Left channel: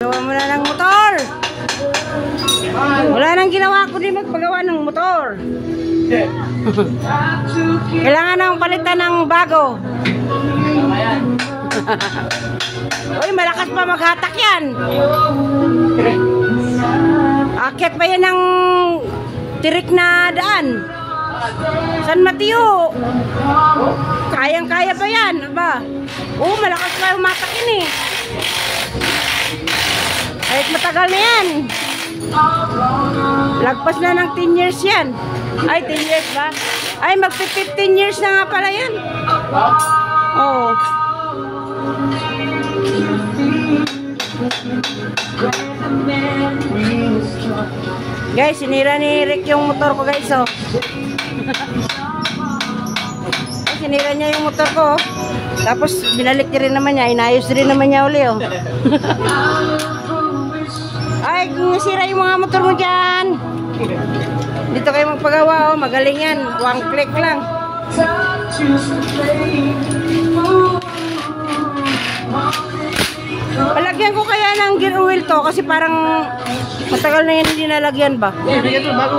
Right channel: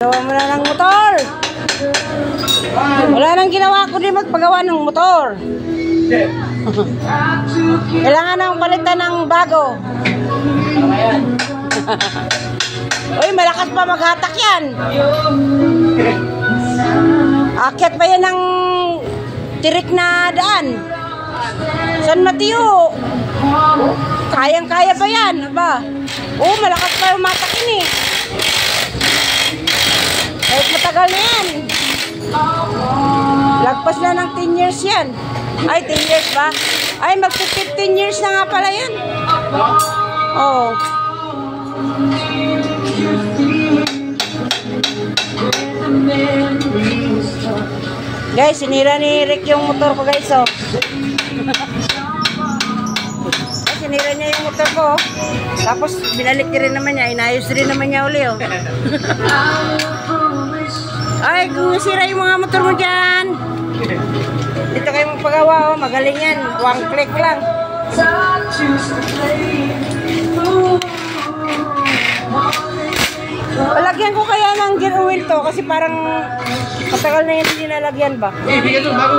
Gawa mo na ng motor. Wala nang ginawa ko din magpagawa ng motor. Kailangan nang palitan ng bago. Uy, malakas pa maghatak yan. Akit pa yan ng tirik na daan. San Mateo. Kayang-kaya pa yan. Aba. Oh, malakas pa yung matak yun eh. Kahit matagal na yan. Lagpas na ng 10 years yan. Ay, 10 years ba? Ay, mag-15 years na nga pala yan. Oo. Guys, sinira ni Rick yung motor ko, guys, oh. Ay, sinira niya yung motor ko, oh. Tapos, binalik niya rin naman niya. Inayos rin naman niya uli, oh. Ay, kung nasira yung mga motor mo dyan. Dito kayo magpagawa, oh. Magaling yan. One click lang. Palagyan ko kaya ng gear oil to kasi parang matagal na yan hindi nalagyan ba? Eh, bigyan to bago.